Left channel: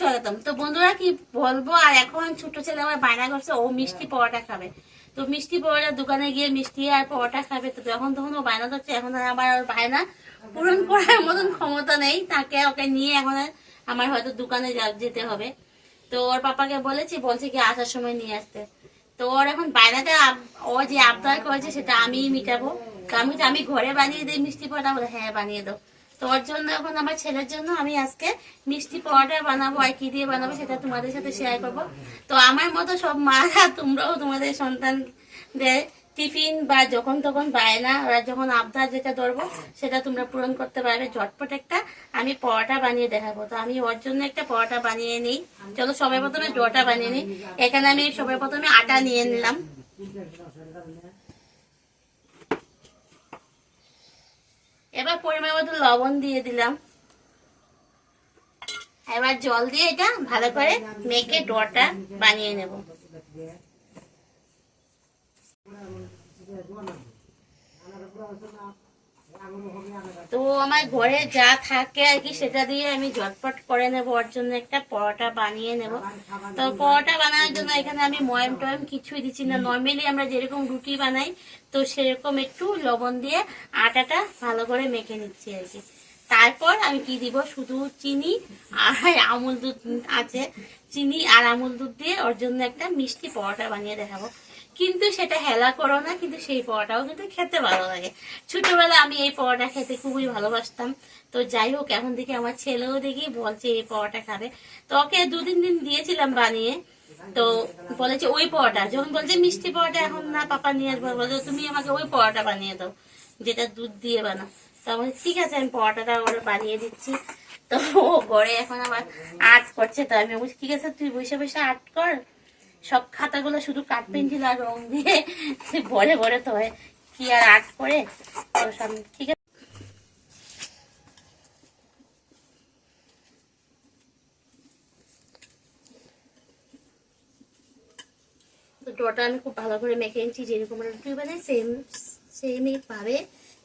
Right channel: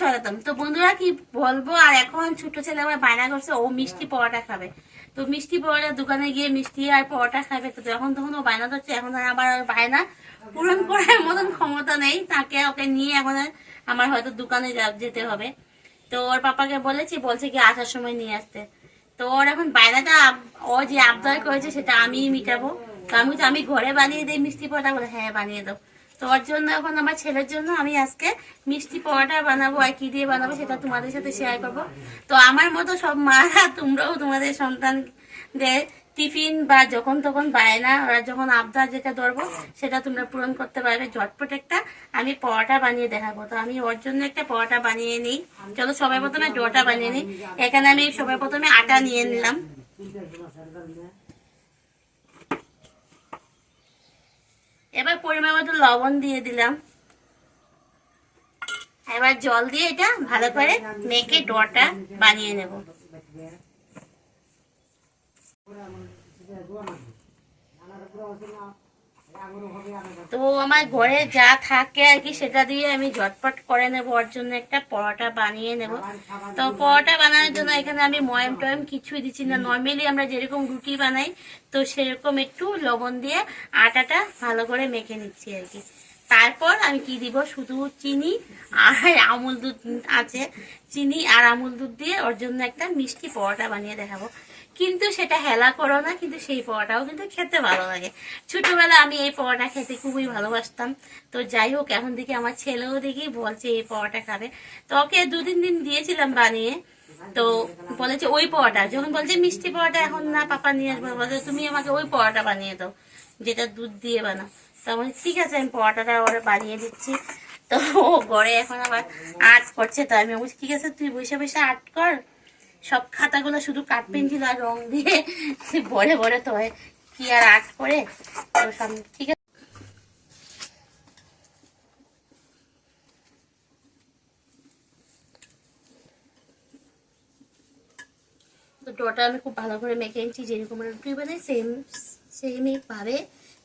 সরাতাম। তো বন্ধুরা কি বলবো, আর এখন ছোট ছেলে আমার বায়না করছে ও মিষ্টি পরোটা খাবে। তো মিষ্টি পরোটা দোকানে গিয়ে মিষ্টি আর পরোটা খাবে। তো যখন তখন ও বায়না করছে, এখন আর আমার ওর বায়না পূরণ করার মতন ক্ষমতা নেই, তাকে ওকে নিয়ে এখন আর আমার হয়তো দোকানে যেতে হবে। তো ওর পাপাকে বলছে কি আসার সময় নিয়ে আসতে। তো ওর এখন বায়নাটা ও যে আবদার করেছে সেটা আমিই মিটাবো। তো আমি ঘরে বানিয়ে দিই মিষ্টি পরোটা, বলে হ্যাঁ বানিয়ে দাও। তো ওর জন্য এখন আমার ছেলের জন্য আমি আজকে মিষ্টি পরোটা বানাবো, আর কি দিয়ে বানাবো সেটা তোমাদের সাথে শেয়ার করবো। তো আমার মতো সব মারা তোমরাও তোমাদের সন্তানদের টিফিন বা যখন তখন বায়না ওরা যখন আবদার যেটা ধরবো সেটা তোমরা পূরণ করতে পারবে। ঝটপট একটা আমি পরোটা বানিয়ে দেখাবো। তো আমি ওর জন্য একটা পরোটা বানিয়ে নিই। চলো সবাই প্রথমে ডোটা বানিয়ে নিই। এখানে আমি সবাই প্রথমে আটা নিয়ে নিলাম। এবার পরিমাণ মতো লবণ দিয়ে দিলাম। এবার জল দিয়ে এটা ভালো করে মেখে ডোটা বানিয়ে নেব। তো আমার ঘরে যা থাকে আর কি সেটা দিয়ে আমি ঝটপট করে নেব, ওর জন্য একটা পরোটা বানিয়ে নেব। তো পরোটা বানানোর জন্য এখানে আমি ময়ম টয়ম কিছুই দিচ্ছি না। নর্মালি আমরা যেরকম রুটি বানাই তো সেরকম একটু লবণ দিয়ে আটাটা ভালো করে মেখে নিচ্ছি আর কি। তারপর আমি কি দিব, শুধু চিনি আর আমুল দুধ আছে, চিনি আর আমুল দুধ দিয়ে ওর জন্য একটা মিষ্টি পরোটা বানিয়ে দেখাবো। কিন্তু সেটা হেলা করো না, কিন্তু সেই পরোটাও কিন্তু খেতে ভালো লাগে। ছোটবেলা আমি এই পরোটা খেতে খুবই ভালোবাসতাম। তো যাই হোক, এখন দেখি আমার ছেলেও দেখি বলছে এই পরোটা খাবে। তো ওকে 2-3 দিন দিয়েছিলাম বানিয়ে। তো বলেছে ওই পরোটা, যখন বলছে মিষ্টি পরোটা এখন না পাপা নিয়ে আসবো, বলছে তুমি আমাকে ওই পরোটা বানিয়ে দাও যেটা দুধ দিয়ে বানাও। তো বলছি ঠিক আছে, আমি পরোটাটা ওরা বানিয়ে দিচ্ছি। তো ও ঘরে এখন আবার আর্ট করছে। তো আমি বলছি ঠিক আছে তুই বসে বসে আর্ট কর, সব খাতাগুলো শুধু কাঠ পেন্সিল আর রং দিয়ে ভরে ভরে তো হয়, কি আর আর্ট করে। তো সব ঠিক আছে। তো ডোটা আমি খুব ভালো করে মেখে নিচ্ছি, যেরকম রুটি বানাই সেমই পাবে।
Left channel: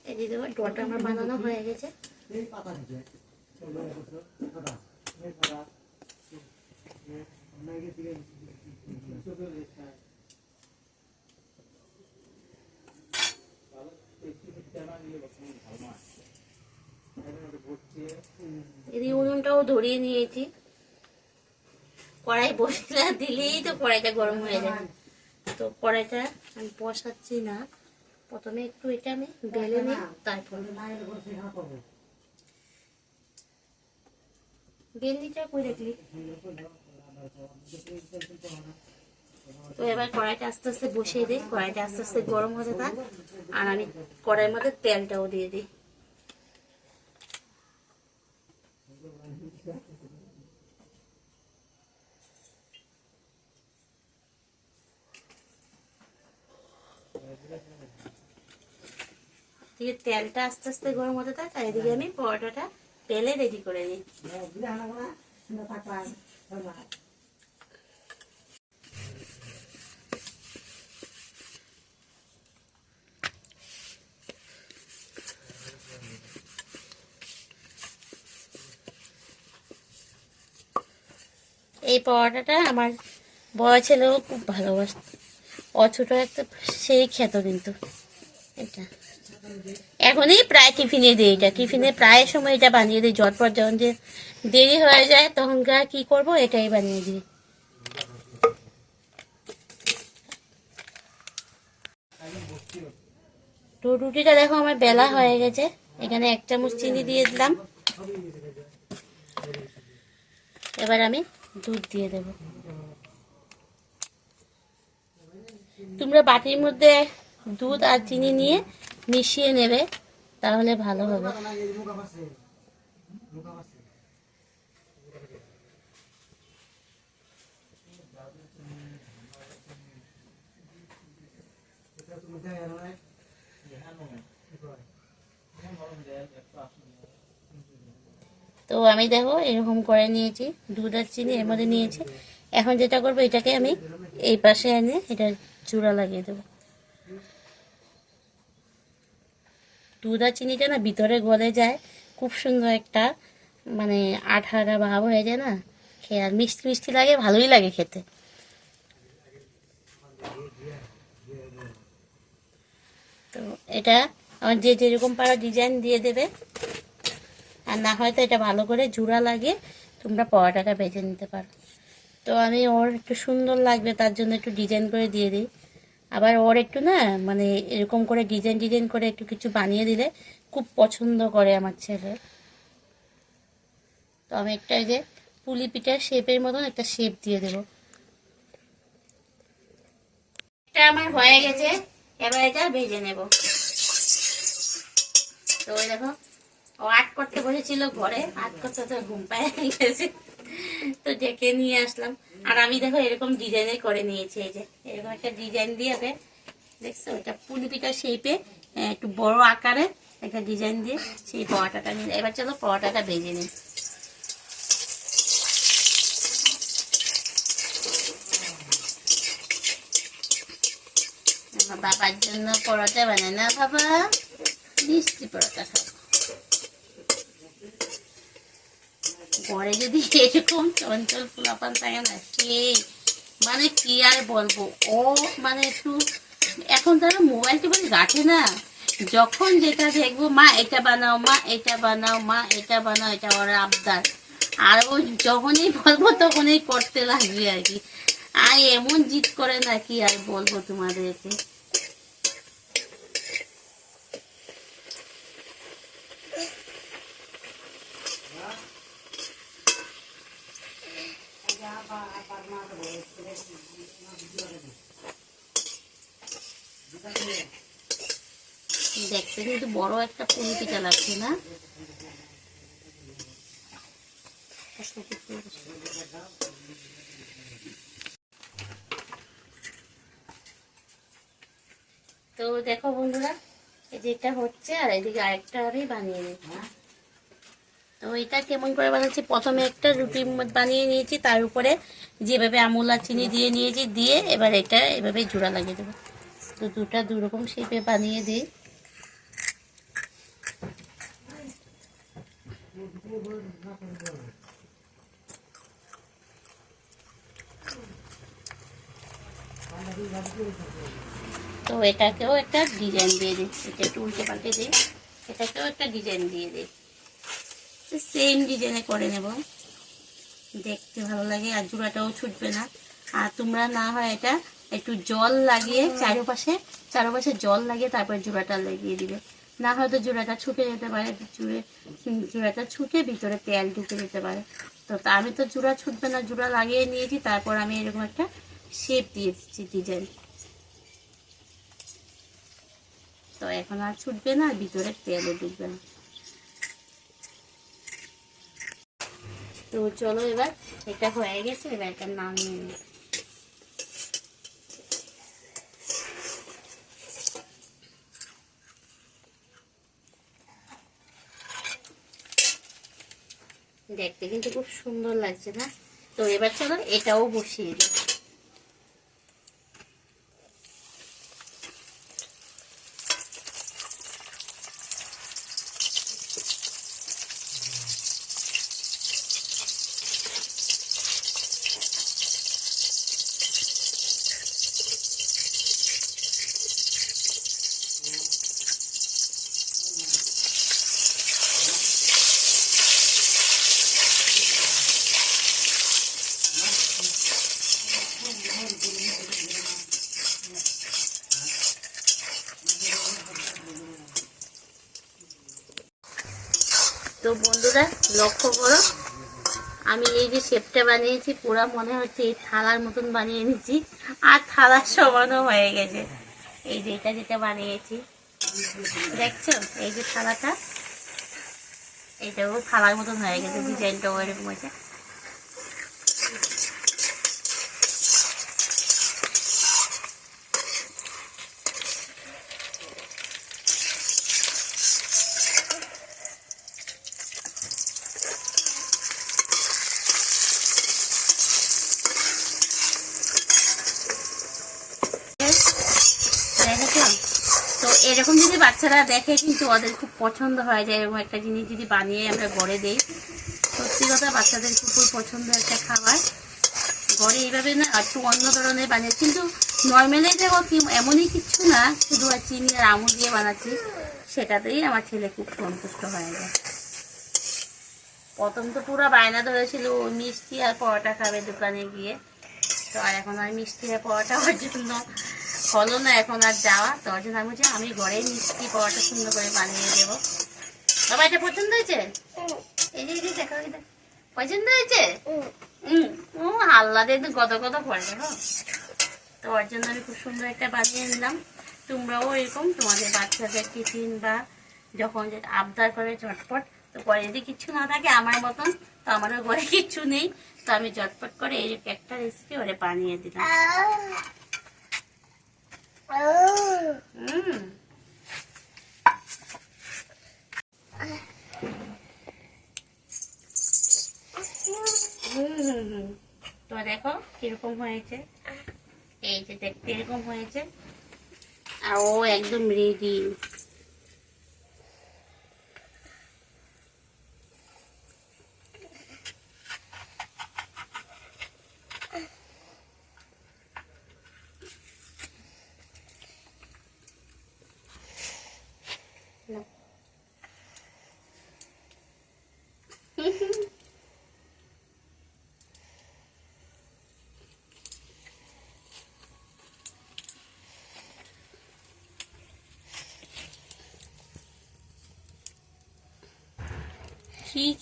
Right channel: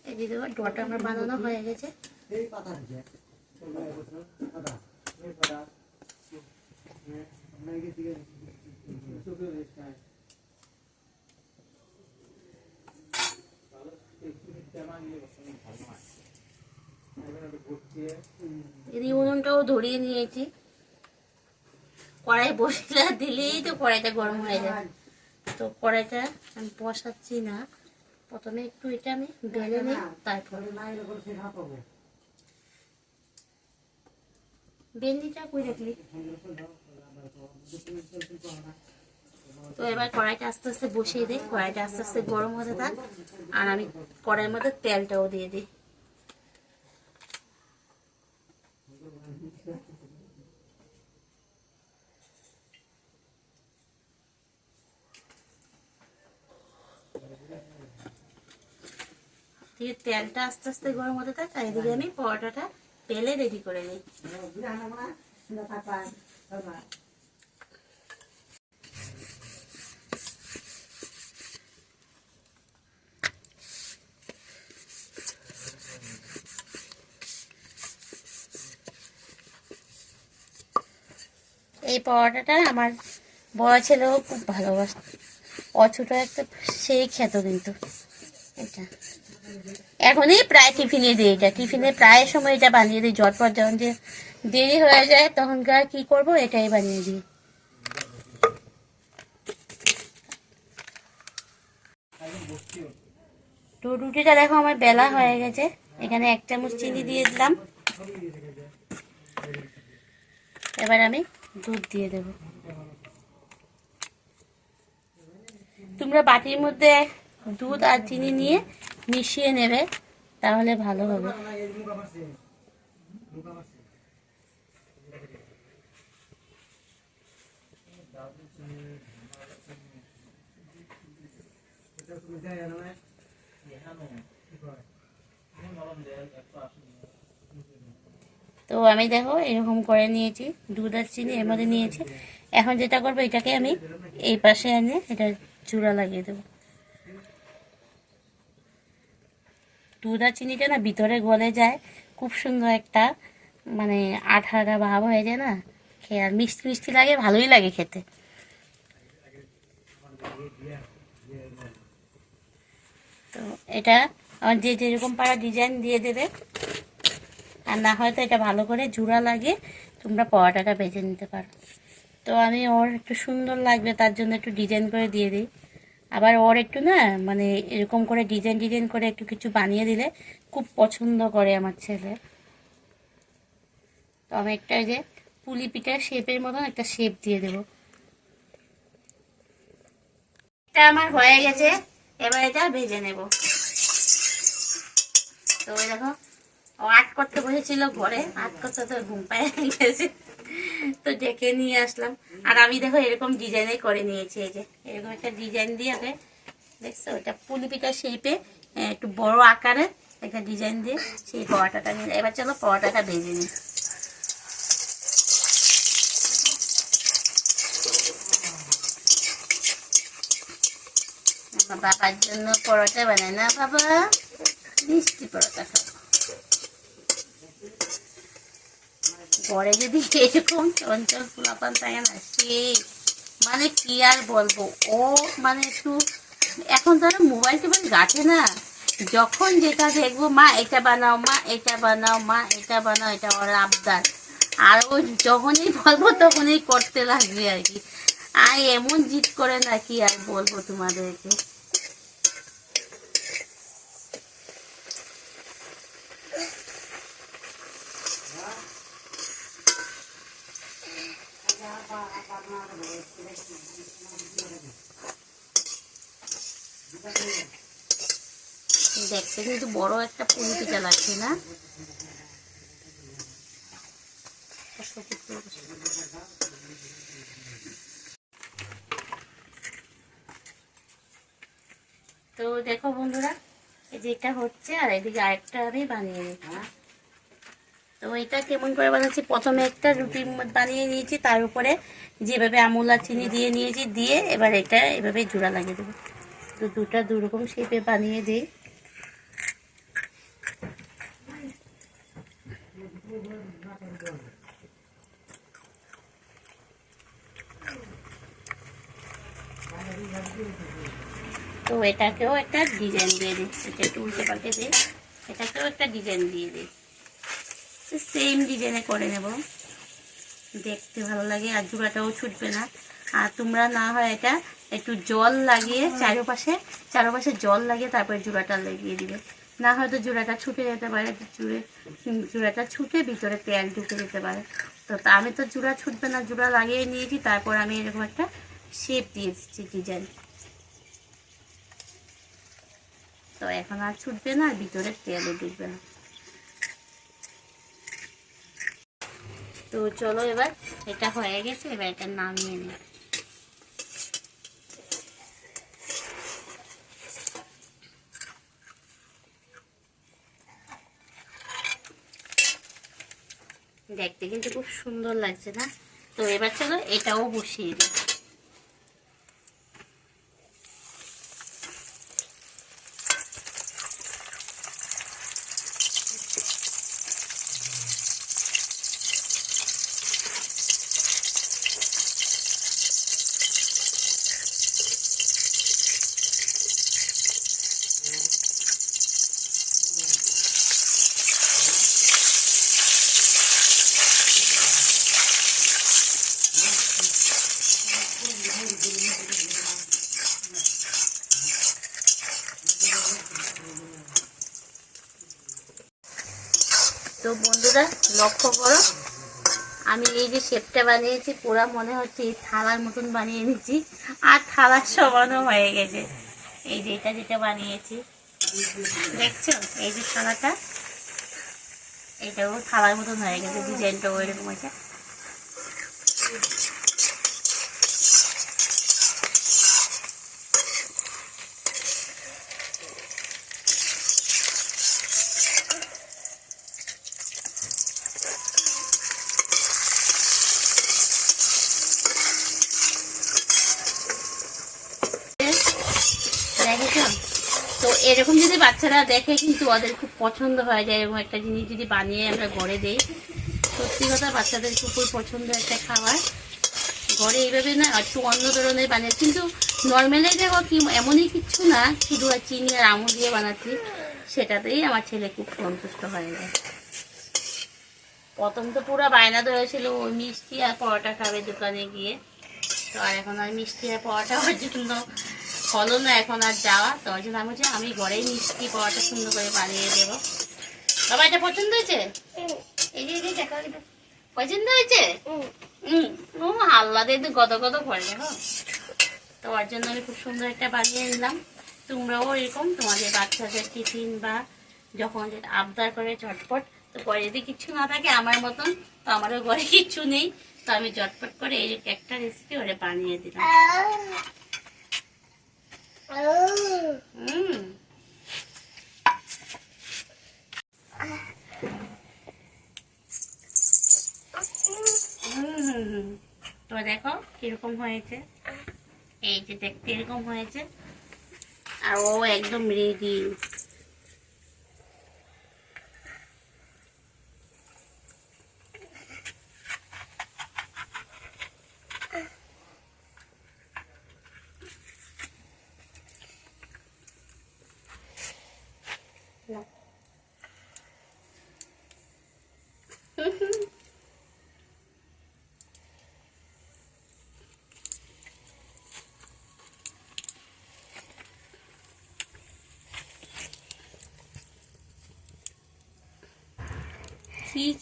এই যে ডোটা আমার বানানো হয়ে গেছে। এদিকে উনুনটাও ধরিয়ে নিয়েছি। কড়াই বসিয়ে দিলেই তো কড়াইটা গরম হয়ে যায়। তো কড়াইটা আমি বসাচ্ছি না, প্রথমে একটু এটা আমি বেলে নিই, তারপর বেলনিটা কই রাখলি। তো এবার কড়াইটা আস্তে আস্তে বসিয়ে দিই, কড়াইটা আস্তে আস্তে গরম হতে থাক, আর আমি কড়াইয়ের মধ্যে তেলটাও দিয়ে দিই। দিয়ে তেলটা আস্তে আস্তে গরম হতে থাক, আর এদিকে আমি পরোটাটা বেলে রেডি করে দিই। এই পরোটাটা আমার বড় ছেলেও খুব ভালোবাসত, ছোট একটা সেই খেত কিন্তু এটা। এখনই প্রায় টিফিনে দিই, এটা টিফিনে প্রায় সময় এটা বানিয়ে দিই। ঝটপট যখন যে দেরি হয়ে যায় তখনকার কি করব, এটাই বানিয়ে দিই। তো রুটিটা দেখো আমার বেলা হয়ে গেছে। এখানে 1 চামচ চিনি দিয়ে দিলাম। এবার আমি দুধ দিয়ে দেব। তোমরা বাটির মধ্যে দুধ আর চিনি নিয়ে মিশিয়ে নেবে, তাহলে ভালো হবে। তো আমি দেখো এরকম করে নিয়েছি, দুধ আর চিনি এর মধ্যে নিয়েছি। এখন যেটা করবো, এটাকে আমি এই পাশে এনে এটা চূড়া লাগিয়ে দেবো। দুধ আর চিনিটা না ভিতরে গলে যায়, খুব সুন্দর একটা মানে আঠা আঠা ভাব হয়ে যায় না, খেয়ে, আর মিষ্টি মিষ্টি লাগে, ভালোই লাগে খেতে। তো এটা আমার যে যেরকম পারা ডিজাইন দিয়ে দেবে, আর না হয়তো এটা ভালো করে জোড়া লাগিয়ে তোমরা পরোটাটা ভেজে নিতে পারো। তো আমি ওর একটু সুন্দর লাগবে তার জন্য একটু ডিজাইন করে দিয়ে দিই। আবার ওর একটু না মানে এরকম করে ডিজাইন ডিজাইন করে একটু কিছু বানিয়ে দিলে খুব পছন্দ করে আমার ছেলে। তো আমি একটা যে পুলি পিঠার শেপের মতন একটা শেপ দিয়ে দেবো। এটা আমার হয়ে গেছে, এবার এটা ভেজে নেব। তো ওই দেখো ও আর্ট করতে বসেছিল ঘরে, আর্ট করতে তো ঘুম পায়ে গেছে, তো ডেকে নিয়ে আসলাম। আর আমি দেখো এরকম ডিজাইনে করে নিয়েছি, এই যে এরকম একটা ডিজাইন দিয়ে ওকে দেখছো, এটা পুলি পিঠার শেপে একটু বড় আকারে একটা ডিজাইন দিয়ে সেই পরোটাটা নিয়ে। এবার চলো পরোটাটা ভেজে নিই। বাবার জন্য পরোটা বানায় না বাবা, মিষ্টি পরোটা খাবো। ঘরে যদি এরকম চঞ্চল পোলাপান থাকে না, সেই মানে কি আর বলবো। ও মানে একটু এখন তারা মোবাইল টোবাইল ঘাটে না, যখন যেটা দেখবো মা এটা বানাও, মা এটা বানাও, মা এটা বানাও, এটা ওর আবদার। আর ও যখনই বলবো তখনই করতে লাগবে আর কি। আর এমন জিদ করে না কি আর বলবো তোমাদেরকে। দেখতে কিন্তু বড় একটা পুলি পিঠা লাগছে না? তো দেখো বন্ধুরা, এই যে এটা হচ্ছে, আর এদিকে আরেকটা আমি বানিয়ে নিচ্ছি। তো এটা কেমন করে বানাচ্ছি, প্রথমে একটা রুটি বানিয়ে নিয়েছি, তার উপরে যেভাবে আমুল আর চিনি দিয়ে নিয়েছি, দিয়ে এবার এটা এভাবে জোড়া লাগিয়ে দেবো। তো দুটা দুরকম শেপে বানিয়ে দিই। তো এটাকেও একটা ডিজাইন দিয়ে দিই, এটা একটু উল্টে পাল্টে দিই, এটাকেও একটা ডিজাইন দিয়ে দিই। সেম ডিজাইনে করে নেব, দেখতে ভালো লাগে আর জোড়াটাও ছুটবে না। আর তোমরা না হয় এটা একটু জল লাগিয়ে চারপাশে জল লাগিয়ে তারপরে জোড়াটা লাগিয়ে দিবে, না হয়তো জোড়াটা ছুটে যেতে পারে, জোড়াটা ছুটে ভিতরে তেল ঢুকে যেতে পারে। তো আমি তো জোড়া ছুটবে না, জোড়া লাগিয়ে নিয়েছি, তারপর আমি এরকম একটা শেপ দিয়ে দিচ্ছি ডিজাইন। তো এখন আর ছুটবে না, আর ভিতরে তেলও ঢুকবে না। তো চলো এবার এটা হয়ে গেছে, এবার এটা নামিয়ে নিই। দেখতে কিন্তু খুব সুন্দর লাগছে না? তো এবার চলো এটাও বসিয়ে দিই। তো বন্ধুরা লক্ষ্য করো, আমি এই যে শেপটা বানিয়েছি পুরা মনে হচ্ছে এই থালার মতন বানিয়ে নিচ্ছি, আর থালার সমানও হয়ে গেছে। এই যে এটা যেটা বানিয়েছি দেখছো, এই যে থালাটা, এইটাও থালার মতন হয়ে গেছে, ডিজাইনটাও এরকম হয়েছে। তো এরকম যদি বাচ্চারা দেখে কিন্তু ওদের খুব পছন্দ হয়ে যায়, এরকম একটা জিনিস যদি বানিয়ে আমরা ঘরে দেই। তো সত্যি কথা বাচ্চাদের খুবই পছন্দ একটা খাবার। ঘরে এইভাবে না একটু অন্য ধরনের বানিয়ে, কিন্তু নর্মালি দেখো কি এমনই কিচ্ছু না, শুধু আর চিনি আর আমুল দিয়ে বানাচ্ছি, সেটাতেই আমার ছেলে খুব সন্তুষ্ট হয়ে যায়। প্রথম তো পুরো বায়না ধরেছিল ওই মিষ্টি আর পরোটা খাবে দোকানে গিয়ে, তো আর এখন আর মিষ্টি আর পরোটা ওর জন্য হলো না এখন আর যাওয়া। তো ওর জন্য আমি বলছি আমি ঘরেই মিষ্টি পরোটা সুন্দর করে বানিয়ে দেবো। বাবা এটা পছন্দ হয়েছে? এই যে দেখো পছন্দ হয়েছে? ও হাল্লা দিয়ে গদ গদ করে দেখো। তো ওর জন্য আমি খুব সুন্দর একটা বানিয়ে নিলাম। তোমরাও এরকম তোমাদের বাচ্চাদের টিফিন বা যখন যেটা আবদার করে ঝটপট, তো ঘরে যদি কিচ্ছু না থাকে আমার মতন, তো আমারও ঘরে কিচ্ছু নেই, তো আমি ঝটপট করে এই একটা রেসিপি ওরে বানিয়ে দিলাম। তো দেখো কিরকম হয়েছে, এই যে দেখতে এরকম হয়েছে, আর ও একদম রেডি।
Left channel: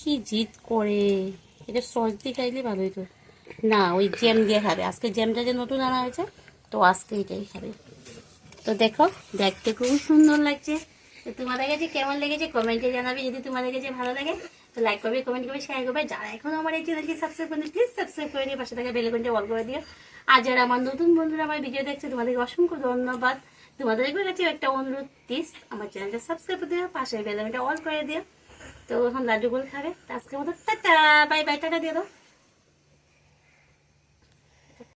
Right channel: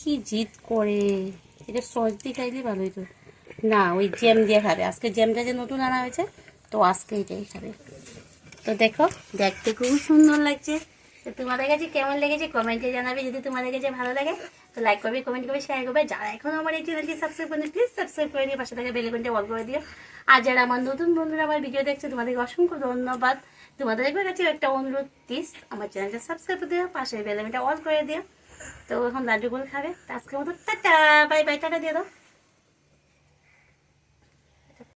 কি জিদ করে, এটা সস দিয়ে খাইলে ভালো হইতো না, ওই জ্যাম দিয়ে খাবে। আজকে জ্যামটা যে নতুন আনা হয়েছে, তো আজকে এটাই খাবে। তো দেখো দেখতে খুব সুন্দর লাগছে। তো তোমাদের কাছে কেমন লেগেছে কমেন্টে জানাবে। যদি তোমাদের কাছে ভালো লাগে তো লাইক করবে, কমেন্ট করবে, শেয়ার করবে। যারা এখন আমার এই চ্যানেলটি সাবস্ক্রাইব করে প্লিজ সাবস্ক্রাইব করে দিয়ে পাশে থাকা বেল আইকনটা অল করে দিও। আর যারা আমার নতুন বন্ধুরা আমার ভিডিও দেখছে তোমাদেরকে অসংখ্য ধন্যবাদ। তোমাদের কাছে একটা অনুরোধ, প্লিজ আমার চ্যানেলটা সাবস্ক্রাইব করে দিও, পাশে বেল আইকনটা অল করে দিও। তো এখন লাড্ডু গোল খাবে। আজকের মতো টাটা বাই বাই, টাটা দিয়ে দাও।